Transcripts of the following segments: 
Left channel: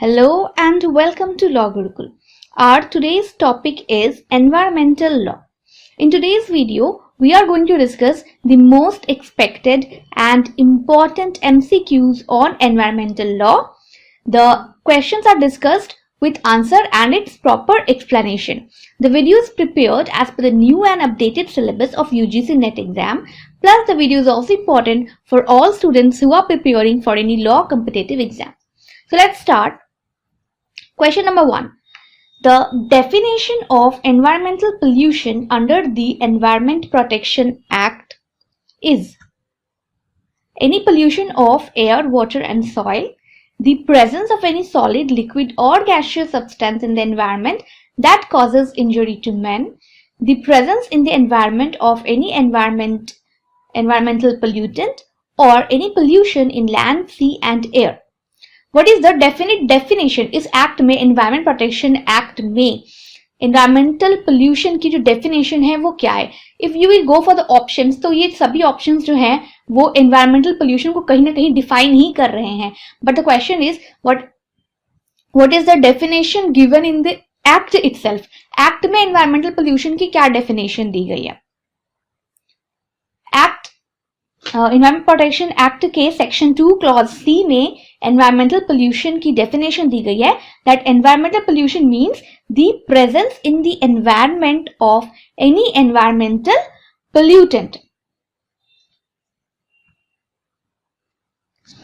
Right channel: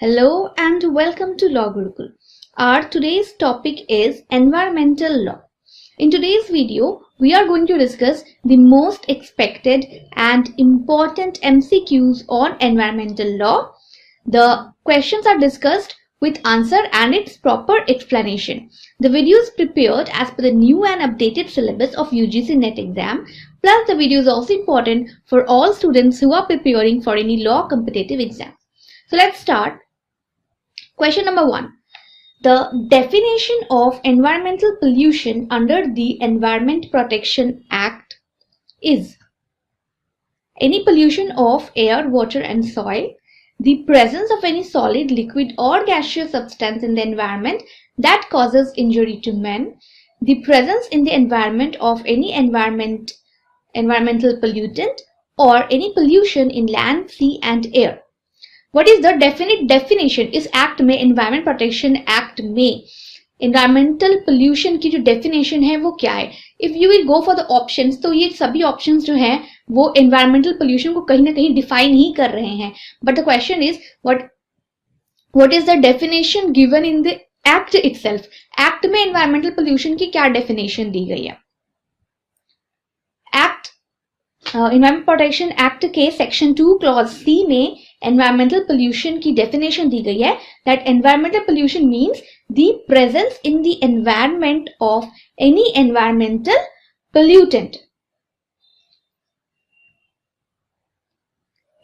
Hello and welcome to Law Gurukul. Our today's topic is environmental law. In today's video, we are going to discuss the most expected and important MCQs on environmental law. The questions are discussed with answer and its proper explanation. The video is prepared as per the new and updated syllabus of UGC NET exam. Plus, the video is also important for all students who are preparing for any law competitive exam. So let's start. Question number 1. The definition of environmental pollution under the Environment Protection Act is any pollution of air, water and soil, the presence of any solid, liquid or gaseous substance in the environment that causes injury to man, the presence in the environment of any environmental pollutant or any pollution in land, sea and air. What is the definite definition? इस act में environment protection act में environmental pollution की जो definition है वो क्या है? If you will go for the options तो ये सभी ऑप्शंस जो हैं वो एनवायरमेंटल पोल्यूशन को कहीं ना कहीं डिफाइन ही कर रहे हैं. But the question is what is the definition given in the act itself. Act में एनवायरमेंटल पोल्यूशन की क्या डेफिनेशन दी गई है? एक्ट एनवायरमेंट प्रोटेक्शन एक्ट के सेक्शन 2 क्लॉज सी में एनवायरमेंटल पोल्यूशन की डेफिनेशन दी गई है that environmental pollution means the presence in the environment of any environmental pollutant.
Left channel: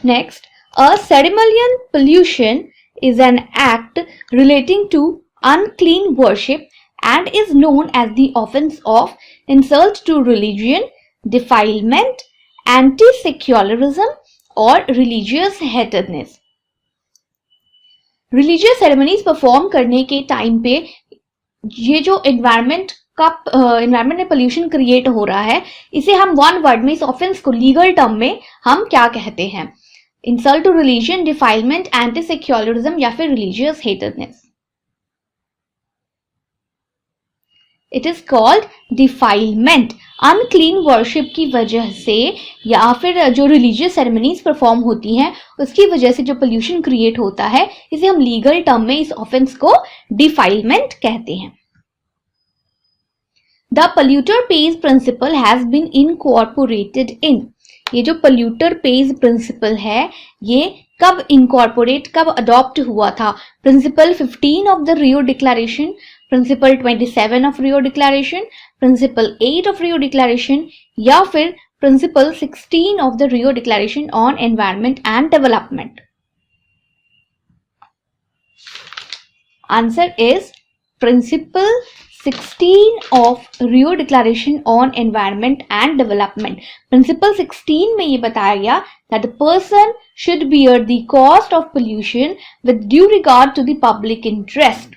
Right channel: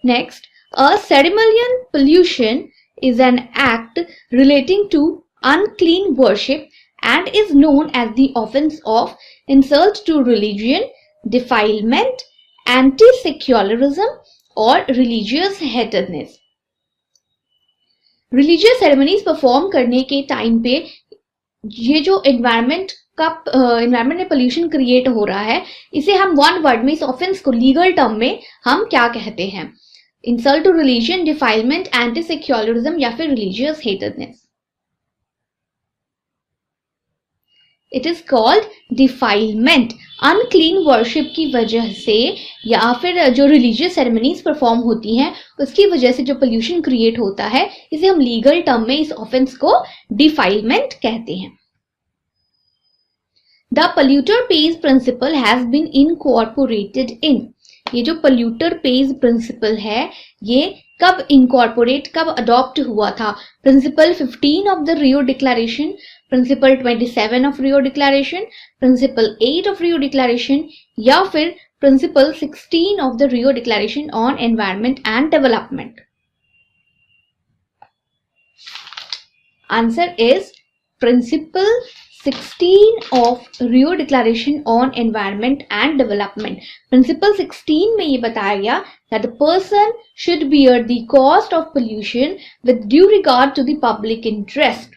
Next, a ceremonial pollution is an act relating to unclean worship and is known as the offense of insult to religion, defilement, anti-secularism और religious हेटेडनेस. Religious ceremonies perform करने के time पे ये जो environment में pollution create हो रहा है इसे हम वन वर्ड में इस ऑफेंस को लीगल टर्म में हम क्या कहते हैं? Insult to religion, defilement, anti secularism या फिर religious hatedness. It is called defilement. Unclean worship की वजह से या फिर जो रिलीजियस सेरेमनीज परफॉर्म होती हैं उसकी वजह से जो पोल्यूशन क्रिएट होता है इसे हम लीगल टर्म में इस ऑफेंस को डिफाइलमेंट कहते हैं. The polluter pays principle has been incorporated in. ये जो पोल्यूटर पेज प्रिंसिपल है ये कब इनकॉर्पोरेट कब अडॉप्ट हुआ था? Principle 15 of the Rio Declaration, principle 27 of Rio Declaration, principle 8 of Rio Declaration या फिर principle 16 of the Rio Declaration on environment and development. Answer is principle 16 of Rio Declaration on environment and development. Principle 16 में ये बताया गया that the person should bear the cost of pollution with due regard to the public interest.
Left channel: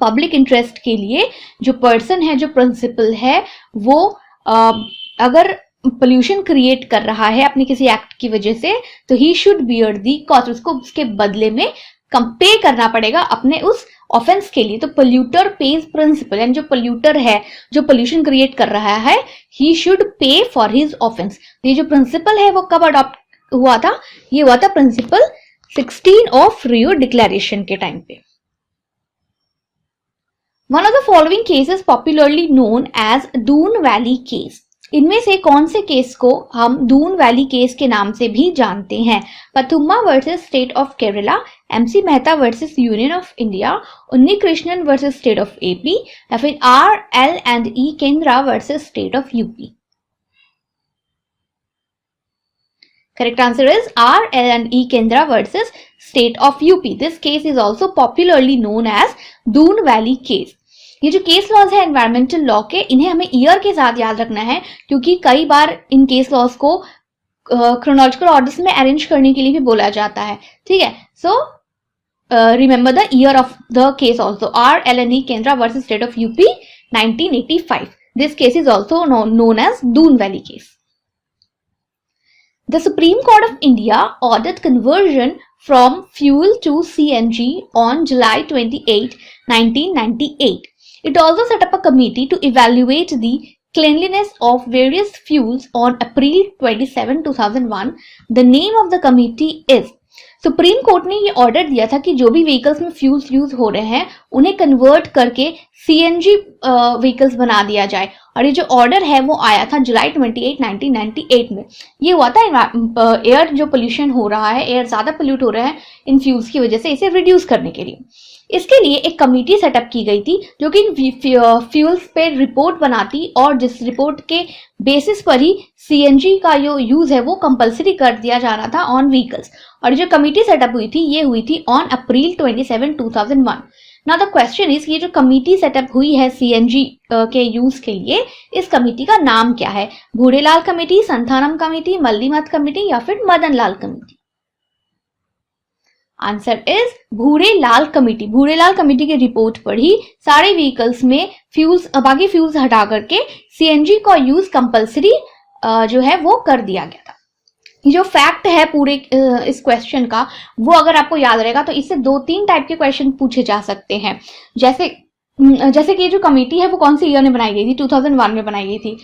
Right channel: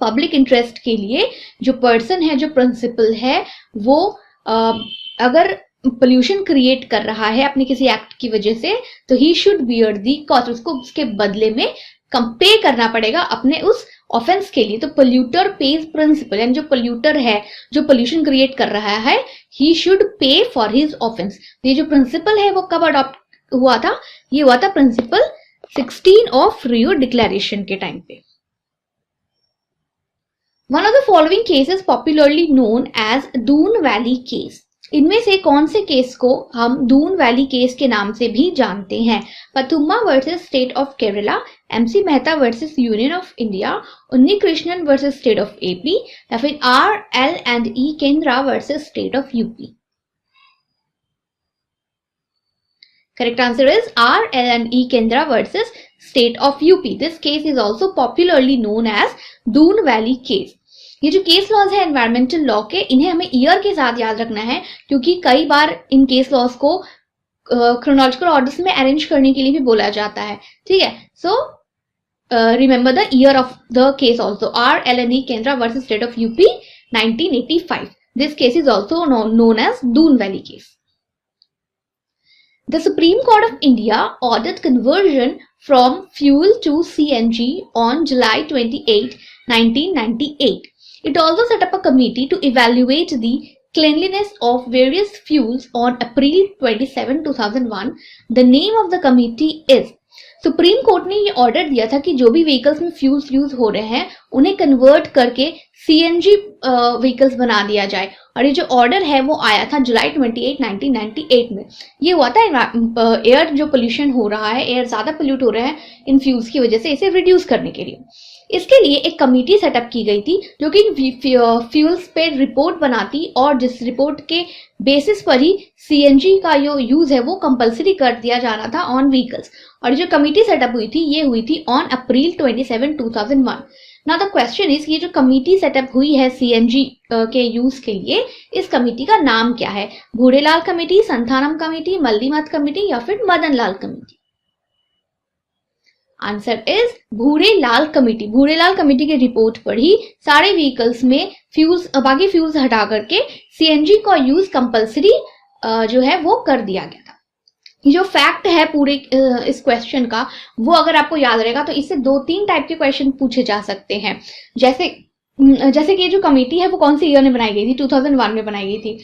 Public interest के लिए जो person है, जो principal है, वो अगर पोल्यूशन क्रिएट कर रहा है अपने किसी एक्ट की वजह से तो ही शुड बियर दी कॉस्ट. उसको उसके बदले में पे करना पड़ेगा अपने उस ऑफेंस के लिए. तो पोल्यूटर पेज प्रिंसिपल यानी जो पोल्यूटर है, जो पोल्यूशन क्रिएट कर रहा है, he should pay for his offence. ये जो प्रिंसिपल है वो कब अडॉप्ट हुआ था? ये हुआ था प्रिंसिपल 16 ऑफ रियो डिक्लेरेशन के टाइम पे. One of the following cases popularly known as Doon Valley case. इनमें से कौन से केस को हम दून वैली केस के नाम से भी जानते हैं? Pathumma versus state of Kerala, MC Mehta versus union of India, Unni Krishnan versus state of AP या फिर RL&E Kendra versus state of UP. Correct answer is RL&E Kendra versus State of UP. This case is also popularly known as Doon Valley case. ये जो case laws है environmental law के, इन्हें हमें year के साथ याद रखना है क्योंकि कई बार इन केस लॉज को क्रोनोलॉजिकल ऑर्डर में अरेंज करने के लिए भी बोला जाता है. ठीक है, so remember the year of the case also. RL&E Kendra versus State of UP 1985. This case is also known as Doon Valley case. The Supreme Court of India ordered conversion from fuel to CNG on July 28, 1998. It also set up a committee to evaluate the cleanliness of various fuels on April 27, 2001. The name of the committee is supreme court ने ये order दिया था कि जो भी vehicles में fuels use हो रहे हैं उन्हें कन्वर्ट करके सीएनजी व्हीकल्स बना दिया जाए। और ये जो ऑर्डर है वो आया था जुलाई 28, 1998 में। ये हुआ था एयर जो पोल्यूशन हो रहा है, एयर ज्यादा पोल्यूट हो रहा है इन फ्यूल्स की वजह से, इसे रिड्यूस करने के लिए। इसके लिए एक कमेटी सेटअप की गई थी जो कि फ्यूल्स पे रिपोर्ट बनाती और जिस रिपोर्ट के बेसिस पर ही सीएनजी का जो यूज है वो कंपलसरी कर दिया जा रहा था ऑन व्हीकल्स। और जो कमेटी सेटअप हुई थी ये हुई थी on April 27, 2001। Now the question is, ये जो कमेटी सेटअप हुई है सीएनजी के यूज के लिए, इस कमेटी का नाम क्या है? Bhurelal committee, Santhanam committee, Malimath committee या फिर Madan Lal committee? Answer is Bhurelal committee. Bhurelal committee की रिपोर्ट पर ही सारे व्हीकल्स में फ्यूल्स, बाकी फ्यूल्स हटा करके सीएनजी का यूज कंपलसरी जो है वो कर दिया गया था। जो फैक्ट है पूरे इस क्वेश्चन का, वो अगर आपको याद रहेगा तो इससे 2-3 टाइप के क्वेश्चन पूछे जा सकते हैं। जैसे कि ये जो कमेटी है वो कौन से ईयर में बनाई गई थी? 2001 में बनाई गई थी।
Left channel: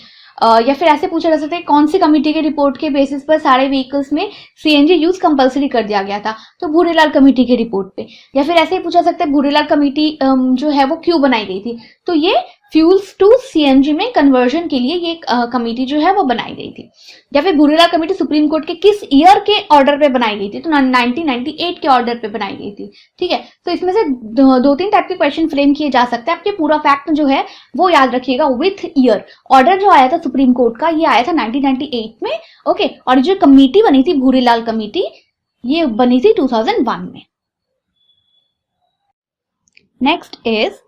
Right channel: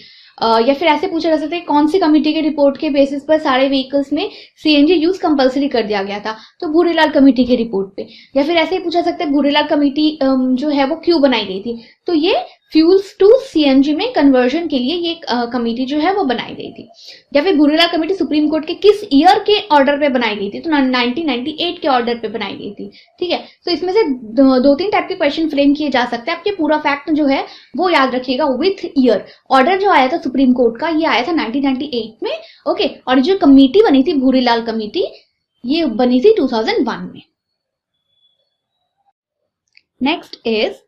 या फिर ऐसे पूछा जा सकता है कौन सी कमेटी के रिपोर्ट के बेसिस पर सारे व्हीकल्स में सीएनजी यूज कंपलसरी कर दिया गया था? तो भूरेलाल कमेटी के रिपोर्ट पे। या फिर ऐसे ही पूछा सकता है भूरेलाल कमेटी जो है वो क्यों बनाई गई थी? तो ये फ्यूल्स टू सीएनजी में कन्वर्जन के लिए ये कमेटी जो है वो बनाई गई थी। या फिर भूरेलाल कमेटी सुप्रीम कोर्ट के किस ईयर के ऑर्डर पे बनाई गई थी? तो 1998 के ऑर्डर पे बनाई गई थी। ठीक है, तो इसमें से 2-3 टाइप के क्वेश्चन फ्रेम किए जा सकते हैं। आपके पूरा फैक्ट जो है वो याद रखिएगा विथ ईयर। ऑर्डर जो आया था सुप्रीम कोर्ट का ये आया था 1998 में। ओके, और जो कमेटी बनी थी भूरेलाल कमेटी, ये बनी थी 2001 में। Next is,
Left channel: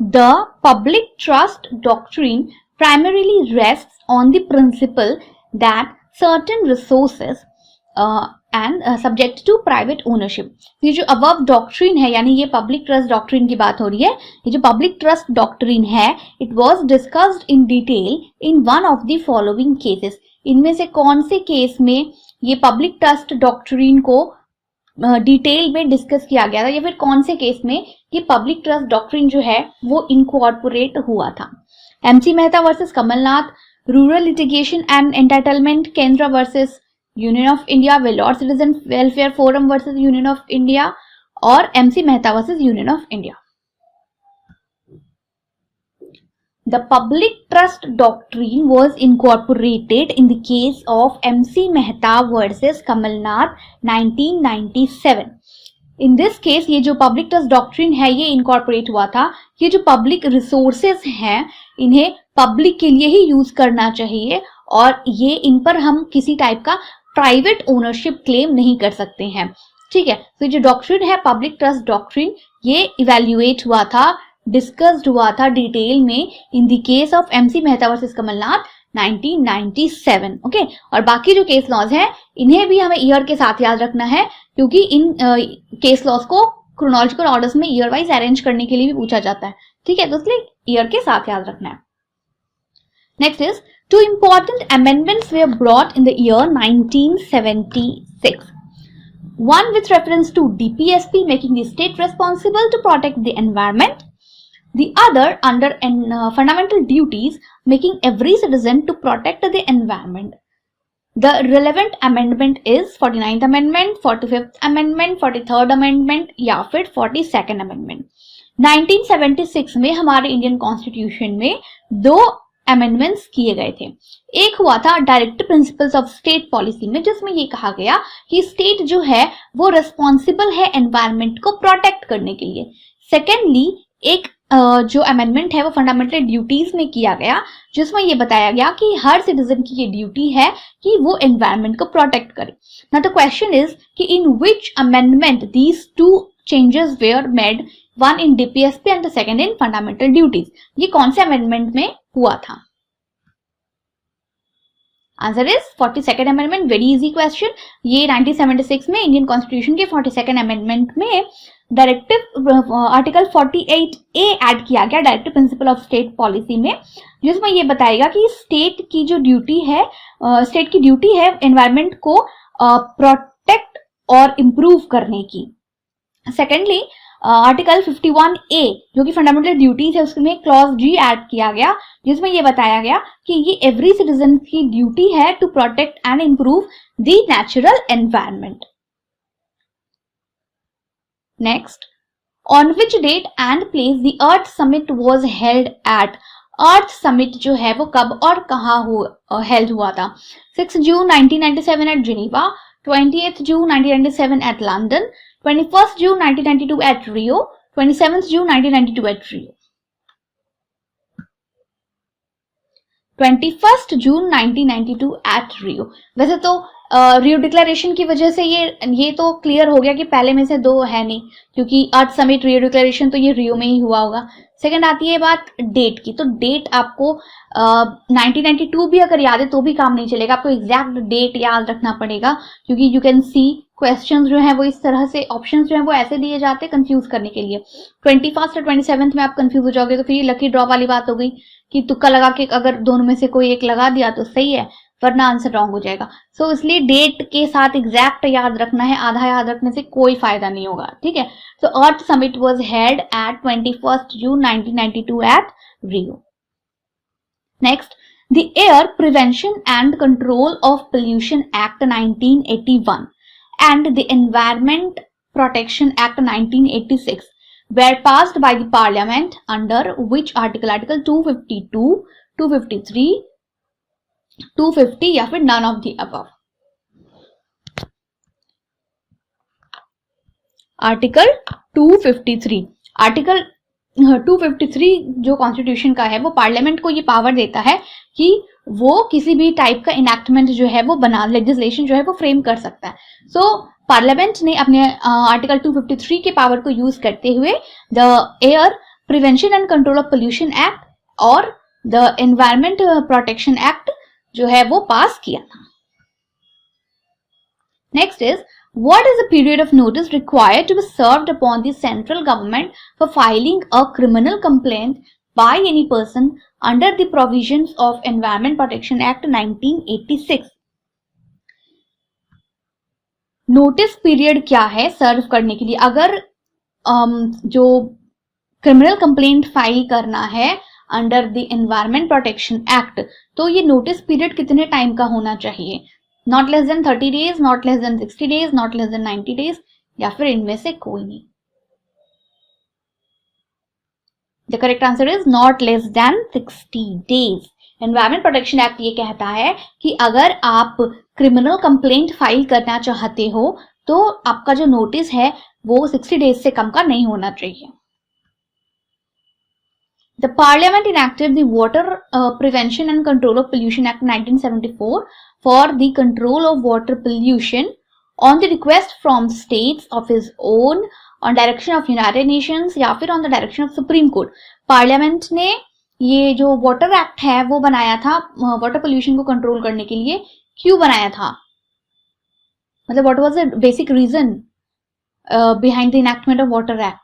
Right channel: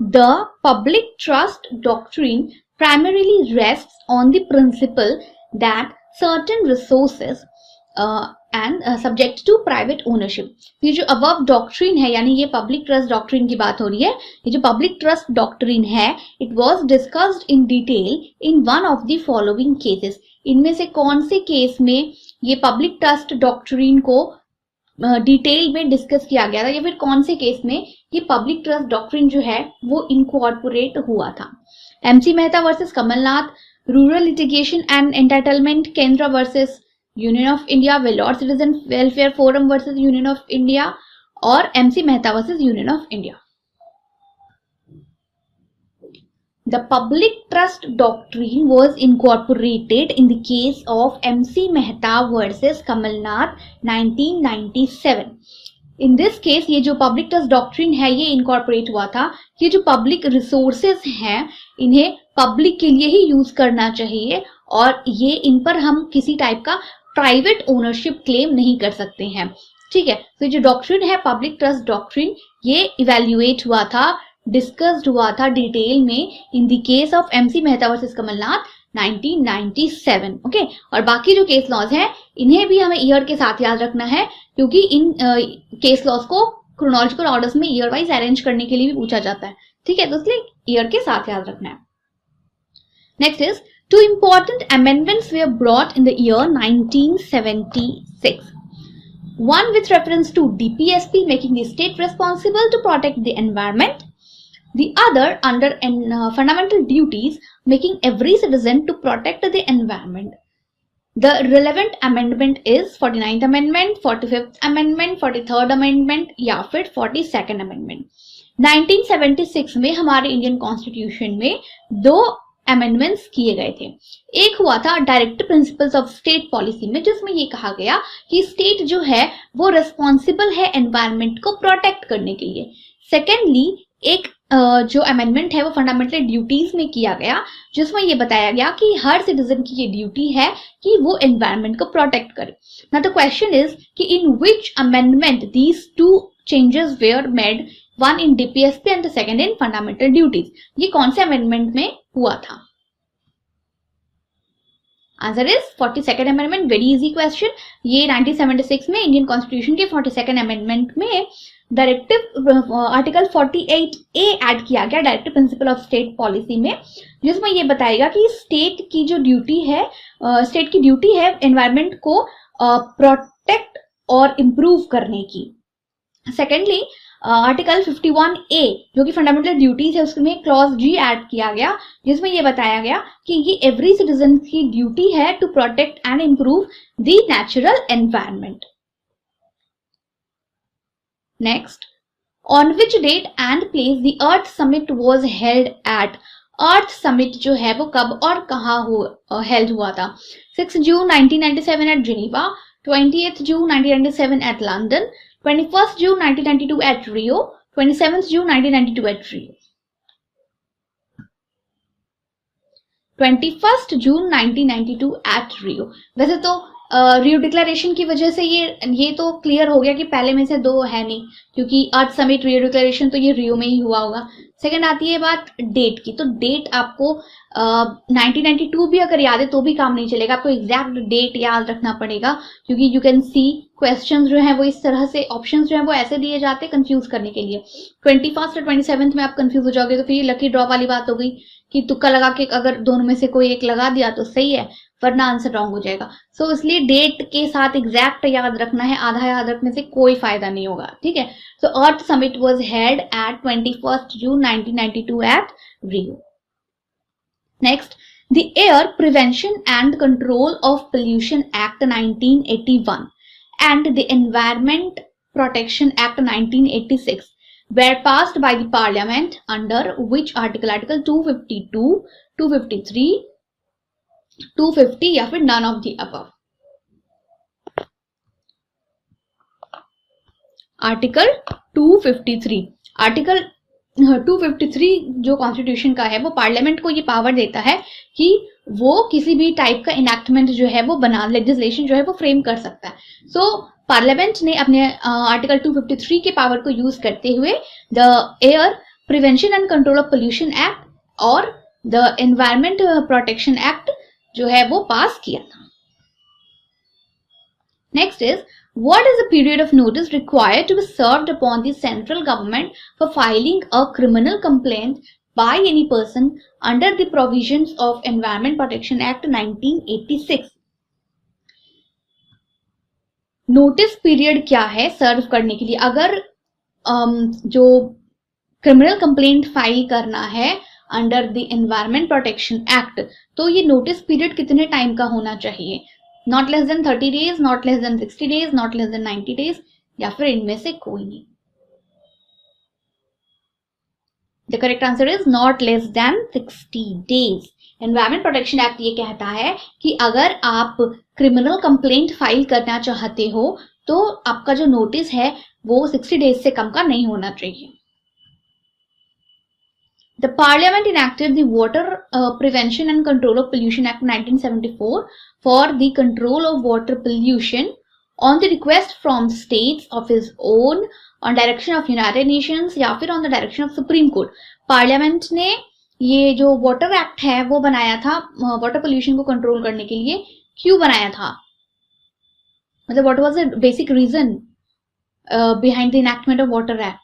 the public trust doctrine primarily rests on the principle that certain resources and subject to private ownership. ये जो above doctrine है, यानी ये public trust doctrine की बात हो रही है, ये जो public trust doctrine है, it was discussed in detail in one of the following cases. इनमें से कौन से केस में ये public trust doctrine को डिटेल में डिस्कस किया गया था, या फिर कौन से केस में ये पब्लिक ट्रस्ट डॉक्ट्रिन जो है वो इनकॉर्पोरेट हुआ था? MC Mehta versus Kamalnath, rural litigation and entitlement Kendra versus union of India, Vellore citizen welfare forum versus union of India, और MC Mehta versus union of India. The public trust doctrine was incorporated in the case of MC Mehta versus Kamal Nath 1997. In this case ये जो public trust doctrine है ये incorporate हुआ था। ये जो public resources हैं इन्हें public के लिए ही यूज करना चाहिए और ये इन पर हम किसी टाइप का प्राइवेट ओनरशिप क्लेम नहीं कर सकते हैं। ठीक है, तो जो डॉक्ट्रिन है पब्लिक ट्रस्ट डॉक्ट्रिन, ये इवेल्युएट हुआ था, डिस्कस्ड हुआ था डिटेल में in the case of MC Mehta versus Kamal Nath 1997। Okay, और बाकी जो केस लॉज हैं इन्हें भी हमें ईयर के साथ याद रखना है, क्योंकि इन केस लॉज को क्रोनोलॉजिकल ऑर्डर्स में ईयर वाइज अरेंज करने के लिए भी पूछा जाता है। ठीक है, तो इसलिए ईयर के साथ याद रखना है। Next is, 2 important amendments were brought in the year 1976. One with reference to DPSP making the state responsible to protect the environment. The other under fundamental duties making every citizen to protect the environment. The relevant amendment is 49th Amendment, 45th Amendment, 43rd Amendment या फिर 42nd Amendment. 1976 में हमारे Indian constitution में 2 amendments किए गए थे। एक हुआ था directive principles of state policy में, जिसमें ये कहा गया कि स्टेट जो है वो रिस्पॉन्सिबल है एनवायरनमेंट को प्रोटेक्ट करने के लिए। सेकेंडली एक जो अमेंडमेंट है वो फंडामेंटल ड्यूटीज में किया गया, जिसमें ये बताया गया कि हर सिटीजन की ये ड्यूटी है कि वो एनवायरनमेंट को प्रोटेक्ट करे। नाउ द क्वेश्चन इज कि in which amendment these 2 changes were made, one in DPSP and the second in fundamental duties. ये कौन से अमेंडमेंट में हुआ था? Answer is 42nd amendment. Very easy question. ये 1976 में इंडियन कॉन्स्टिट्यूशन के 42nd अमेंडमेंट में डायरेक्टिव आर्टिकल 48A ऐड किया गया directive principle of state policy में, जिसमें ये बताएगा कि स्टेट की जो ड्यूटी है, स्टेट की ड्यूटी है एनवायरनमेंट को प्रोटेक्ट और इम्प्रूव करने की। सेकेंडली आर्टिकल 51A जो कि फंडामेंटल ड्यूटीज है उसमें क्लॉज G ऐड किया गया, जिसमें ये बताया गया कि ये एवरी सिटीजन की ड्यूटी है to protect and improve the natural environment. Next, on which date and place the Earth Summit was held at. Earth Summit जो है वो कब और कहाँ हेल्ड हुआ था? 6 जून 1997 eight Geneva, 20th June 1997 at London, 21st June 1992 at Rio, 27th June 1992 at Rio. 21st June 1992 at Rio. वैसे तो रियो डिक्लेरेशन की वजह से ये तो क्लियर हो गया कि पहले में से दो है नहीं, क्योंकि अर्थ समिट रियो डिक्लेरेशन तो ये रियो में ही हुआ होगा। सेकंड आती है बात डेट की, तो डेट आपको 1992 भी अगर याद है तो भी काम नहीं चलेगा, आपको एग्जैक्ट डेट याद रखना पड़ेगा, क्योंकि यू कैन सी क्वेश्चंस जो है वो इस तरह से, ऑप्शंस जो है वो ऐसे दिए जाते हैं कंफ्यूज करने के लिए। 21st और 27th में आप कंफ्यूज हो जाओगे तो फिर लकी ड्रॉ वाली बात हो गई कि तुक्का लगा के अगर दोनों में से कोई एक लगा दिया तो सही है, वरना आंसर रॉन्ग हो जाएगा। सो इसलिए डेट के साथ एग्जैक्ट याद रखना है, आधा याद रखने से कोई फायदा नहीं होगा, ठीक है। So earth summit was held at 21st June 1992 at Rio. Next, the air prevention and control of pollution act 1981 and the Environment Protection Act 1986 were passed by the Parliament under which article? Article 252, 253, 250 या फिर none of the above? Article 253। Article 253 जो constitution का है वो parliament को ये power देता है कि वो किसी भी टाइप का इनैक्टमेंट जो है वो बना, लेजिस्लेशन जो है वो फ्रेम कर सकता है। सो पार्लियामेंट ने अपने आर्टिकल 253 के पावर को यूज करते हुए the air prevention and control of pollution act और द एनवायरमेंट प्रोटेक्शन एक्ट जो है वो पास किया था। Next is, what is the period of notice required to be served upon the central government for filing a criminal complaint by any person under the provisions of Environment Protection Act 1986? Notice period क्या है सर्व करने के लिए? अगर जो criminal complaint file करना है under the environment protection act, तो ये नोटिस पीरियड कितने टाइम का होना चाहिए? Not less than 30 days, not less than 60 days, not less than 90 days, या फिर इनमें से कोई नहीं। The correct answer is not less than 60 days। Environment protection act ये कहता है कि अगर आप क्रिमिनल कंप्लेंट फाइल करना चाहते हो तो आपका जो नोटिस है वो 60 days से कम का नहीं होना चाहिए। The Parliament enacted the Water Prevention and Control of Pollution Act 1974 for the control of water pollution on the request from states of his own, on direction of United Nations या फिर on the direction of Supreme Court। Parliament ने ये जो water act है वो बनाया था water pollution को कंट्रोल करने के लिए। क्यों बनाया था? मतलब what was the basic reason behind the enactment of water act?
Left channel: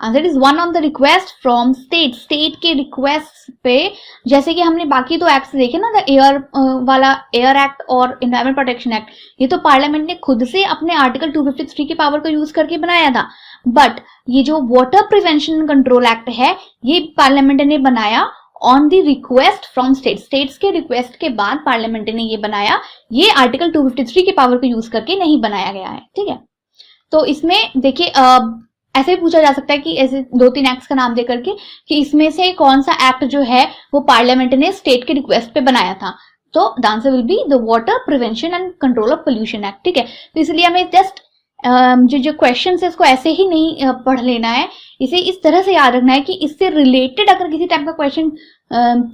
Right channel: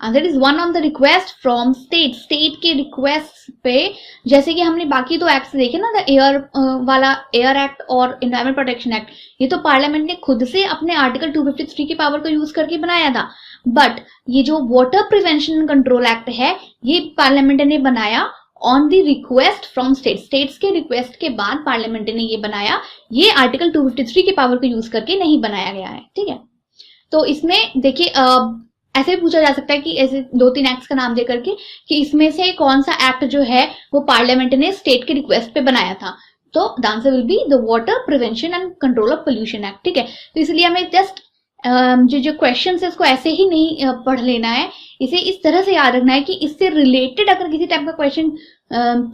Answer is one on the request from state. State के रिक्वेस्ट पे, जैसे कि हमने बाकी दो एक्ट देखे ना, द एयर वाला एयर एक्ट और एनवायरमेंट प्रोटेक्शन एक्ट, ये तो पार्लियामेंट ने खुद से अपने आर्टिकल 253 की पावर को यूज करके बनाया था। बट ये जो water prevention and control act है ये पार्लियामेंट ने बनाया on the request from state. States के रिक्वेस्ट के बाद पार्लियामेंट ने ये बनाया, ये आर्टिकल 253 की पावर को यूज करके नहीं बनाया गया है, ठीक है। तो इसमें देखिए ऐसे भी पूछा जा सकता है कि ऐसे 2-3 एक्ट्स का नाम दे करके कि इसमें से कौन सा एक्ट जो है वो पार्लियामेंट ने स्टेट के रिक्वेस्ट पे बनाया था, तो the answer will be the water prevention and control of pollution act, ठीक है। तो इसलिए हमें जस्ट जो क्वेश्चन है उसको ऐसे ही नहीं पढ़ लेना है, इसे इस तरह से याद रखना है कि इससे रिलेटेड अगर किसी टाइप का क्वेश्चन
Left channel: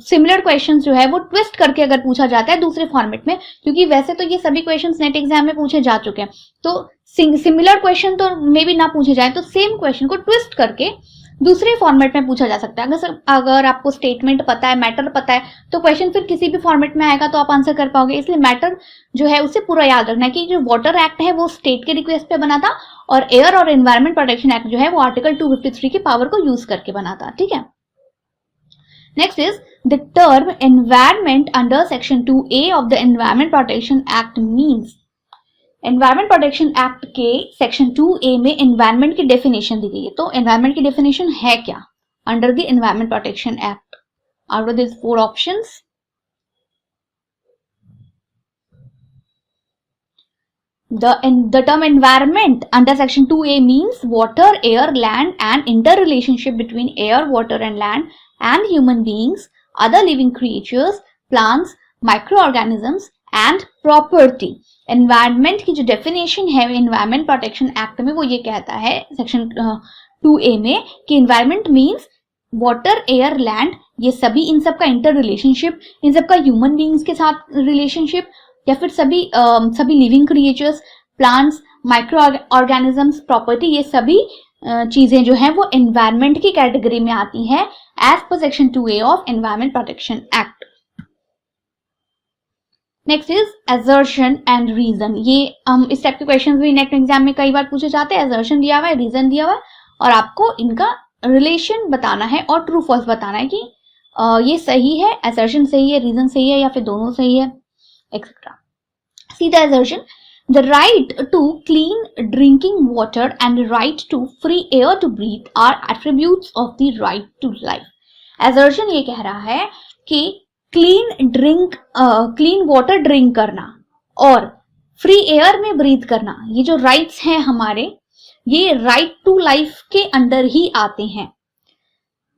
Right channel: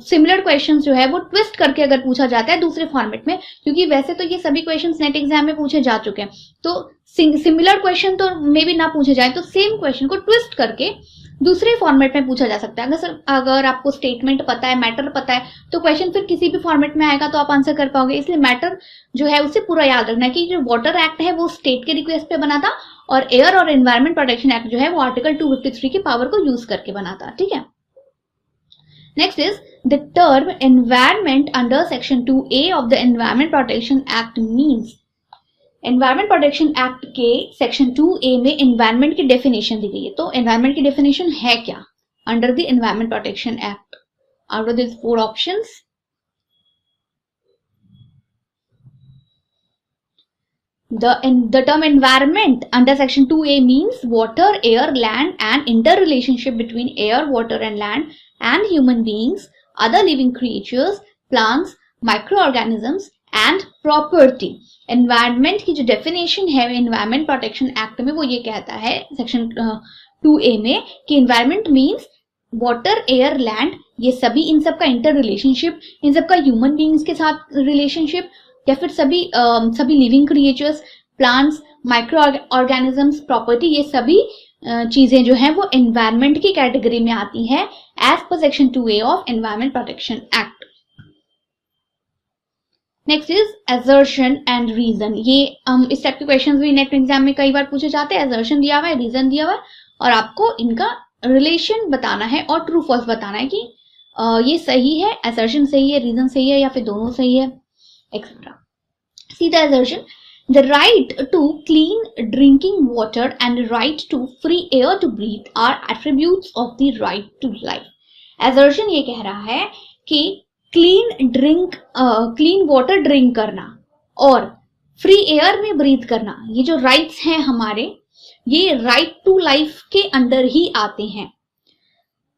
सिमिलर क्वेश्चन जो है वो ट्विस्ट करके अगर पूछा जाता है दूसरे फॉर्मेट में, क्योंकि वैसे तो ये सभी क्वेश्चन नेट एग्जाम में पूछे जा चुके हैं, तो सिमिलर क्वेश्चन तो मे बी ना पूछे जाए, तो सेम क्वेश्चन को ट्विस्ट करके दूसरे फॉर्मेट में पूछा जा सकता है। अगर आपको स्टेटमेंट पता है, मैटर पता है, तो क्वेश्चन फिर किसी भी फॉर्मेट में आएगा तो आप आंसर कर पाओगे। इसलिए मैटर जो है उसे पूरा याद रखना है कि जो वाटर एक्ट है वो स्टेट के रिक्वेस्ट पे बना था और एयर और एनवायरमेंट प्रोटेक्शन एक्ट जो है वो आर्टिकल 253 की पावर को यूज करके बना था, ठीक है। Next is the term environment under section 2A of the environment protection act means. Environment protection act के सेक्शन 2A में एनवायरमेंट की डेफिनेशन दी गई है, तो एनवायरमेंट की डेफिनेशन है क्या under the environment protection act? Out of this 4 options, The term environment under section 2A means water, air, land and interrelationship between air, water and land and human beings, other living creatures, plants, microorganisms and property. Environment की जो definition है environment protection act में वो ये कहता है section 2A में कि environment means water, air, land, ये सभी, इन सब का इंटर रिलेशनशिप, इन सब का ह्यूमन बींग्स के साथ रिलेशनशिप या फिर सभी living creatures, plants, micro organisms, property, ये सभी चीजें जो हैं वो एनवायरमेंट की कैटेगरी में आती हैं as per section 2A of environment protection act. Next is assertion and reason. ये इस टाइप के क्वेश्चंस भी नेक्स्ट एग्जाम में कई बार पूछे जाते हैं. असर्शन दिया हुआ है, रीजन दिया हुआ है और आपको इनका रिलेशन बताना है और ट्रू फॉल्स बताना है कि ये सही है, असर्शन सही है, रीजन सही है या फिर दोनों सही है, etcetera. See the assertion. The right to clean drinking water and the right to free air to breathe are attributes of the right to life. Assertion ये कह रहा है कि clean water drink करना और free air में breathe करना, ये जो rights हैं हमारे, ये right to life के अंदर ही आते हैं.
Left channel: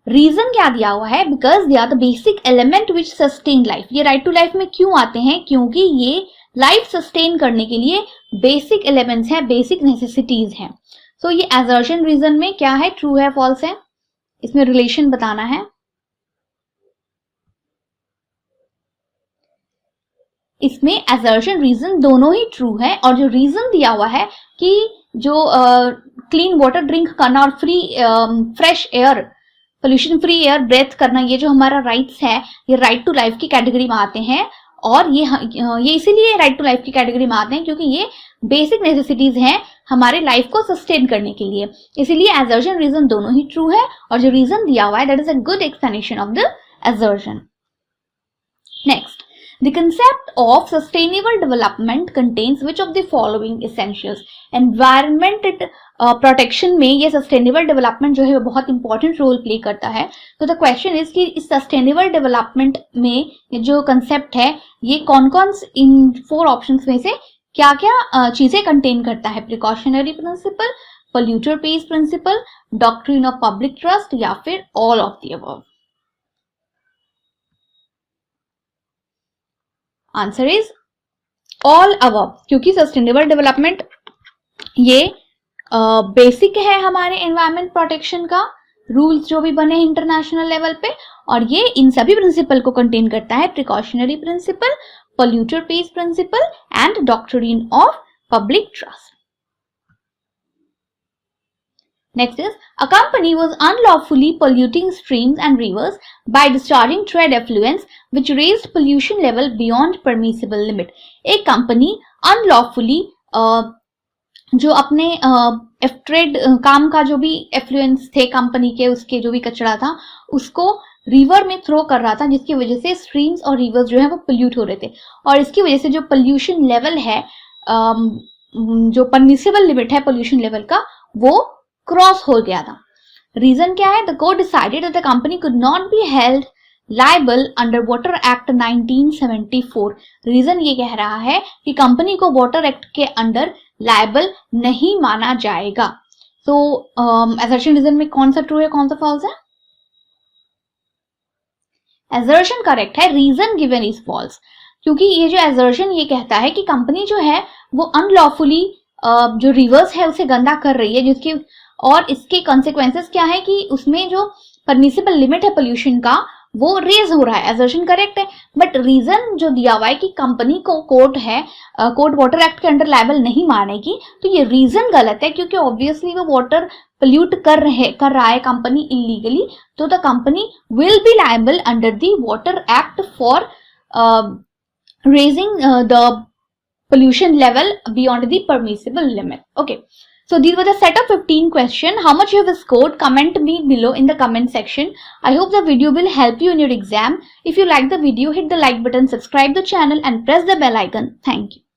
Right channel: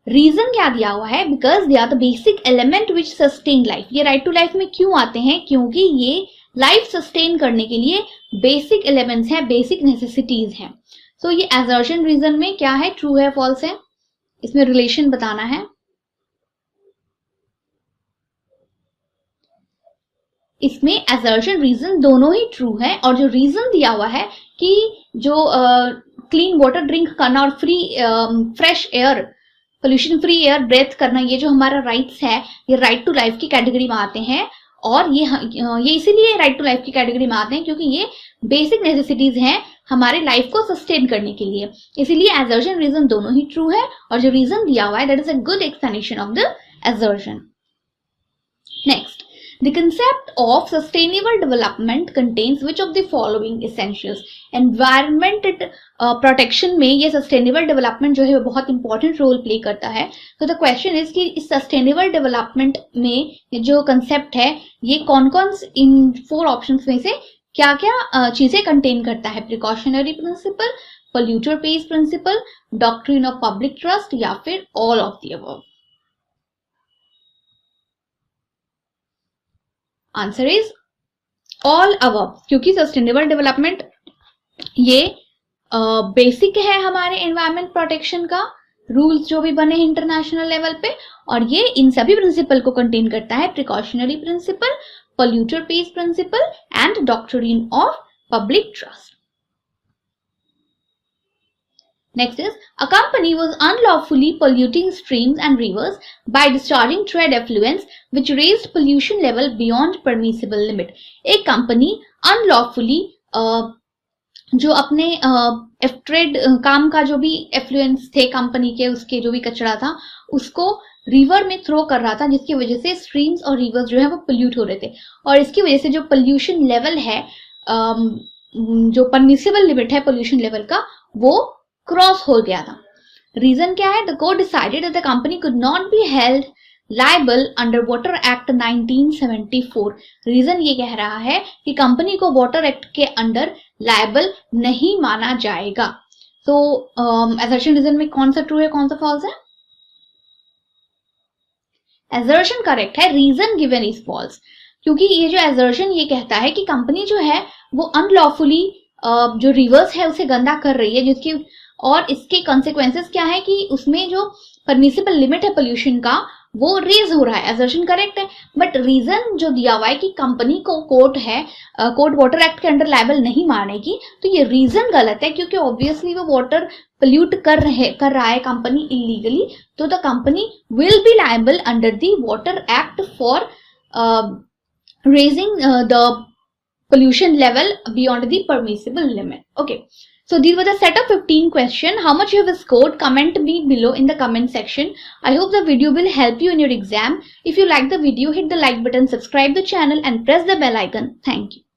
रीजन क्या दिया हुआ है? Because they are the basic element which sustain life. ये राइट टू लाइफ में क्यों आते हैं? क्योंकि ये लाइफ सस्टेन करने के लिए बेसिक एलिमेंट्स हैं, बेसिक नेसेसिटीज हैं. सो ये असर्शन रीजन में क्या है, ट्रू है, फॉल्स है, इसमें रिलेशन बताना है. इसमें असर्शन रीजन दोनों ही ट्रू है और जो रीजन दिया हुआ है कि जो क्लीन वाटर ड्रिंक करना और fresh air, pollution free air breathe करना, ये जो हमारा राइट्स है, ये राइट टू लाइफ की कैटेगरी में आते हैं. और ये इसीलिए राइट टू लाइफ की कैटेगरी में आते हैं क्योंकि ये बेसिक नेसेसिटीज हैं हमारे लाइफ को सस्टेन करने के लिए. इसीलिए असर्शन रीजन दोनों ही ट्रू है और जो रीजन दिया हुआ है that is a good explanation of the assertion. Next, the concept of sustainable development contains which of the following essentials? Environment protection में ये sustainable development जो है वो बहुत important role play करता है. तो the question is कि इस sustainable development में जो concept है ये कौन-कौन इन 4 options में से क्या-क्या चीजें contain करता है? Precautionary principle, polluter pays principle, doctrine of public trust या फिर all of the above? Answer is all above, क्योंकि सस्टेनेबल डेवलपमेंट ये बेसिक है हमारे एनवायरमेंट प्रोटेक्शन का, रूल्स जो भी बने इंटरनेशनल लेवल पे, और ये इन सभी प्रिंसिपल को कंटेन करता है. Precautionary principle, polluter pays principle and doctrine of public trust. Next is, a company was unlawfully polluting streams and rivers by discharging trade effluents which raised pollution level beyond permissible limit. एक company unlawfully जो अपने trade काम का जो भी affluence थे company के, उसके जो भी कचरा था उसको रिवर में थ्रो कर रहा था, जिसकी वजह से स्ट्रीम्स और रिवर्स जो है वो पोल्यूट हो रहे थे. और इसकी वजह से जो पोल्यूशन लेवल है, जो परमिसिबल लिमिट है पोल्यूशन लेवल का, वो क्रॉस हो गया था. रीजन क्या है? The court decided that the company could not be held liable under water act 1974. Reason ये कह रहा है कि कंपनी को वाटर एक्ट के अंडर लायबल नहीं माना जाएगा. तो असर्शन रीजन में कौन सा ट्रू है, कौन सा फॉल्स है? असर्शन करेक्ट है, रीजन गिवन इज फॉल्स. क्योंकि ये जो असर्शन ये कहता है कि कंपनी जो है वो अनलॉफुली जो रिवर्स है उसे गंदा कर रही है, जिसकी और इसके कॉन्सिक्वेंसेस क्या है कि उसमें जो परमिसिबल लिमिट है पोल्यूशन का वो रेज हो रहा है. असर्शन करेक्ट है, बट रीजन जो दिया हुआ है कि कंपनी को कोर्ट वाटर एक्ट के अंडर लायबल नहीं मानेगी, तो ये रीजन गलत है क्योंकि ऑब्वियसली वो वाटर पोल्यूट कर रहा है कंपनी इलीगली. तो the company will be liable under the water act for raising the pollution level beyond the permissible limit. Okay, so these were the set of 15 questions. How much you have scored? Comment me below in the comment section. I hope the video will help you in your exam. If you like the video, hit the like button, subscribe the channel and press the bell icon. Thank you.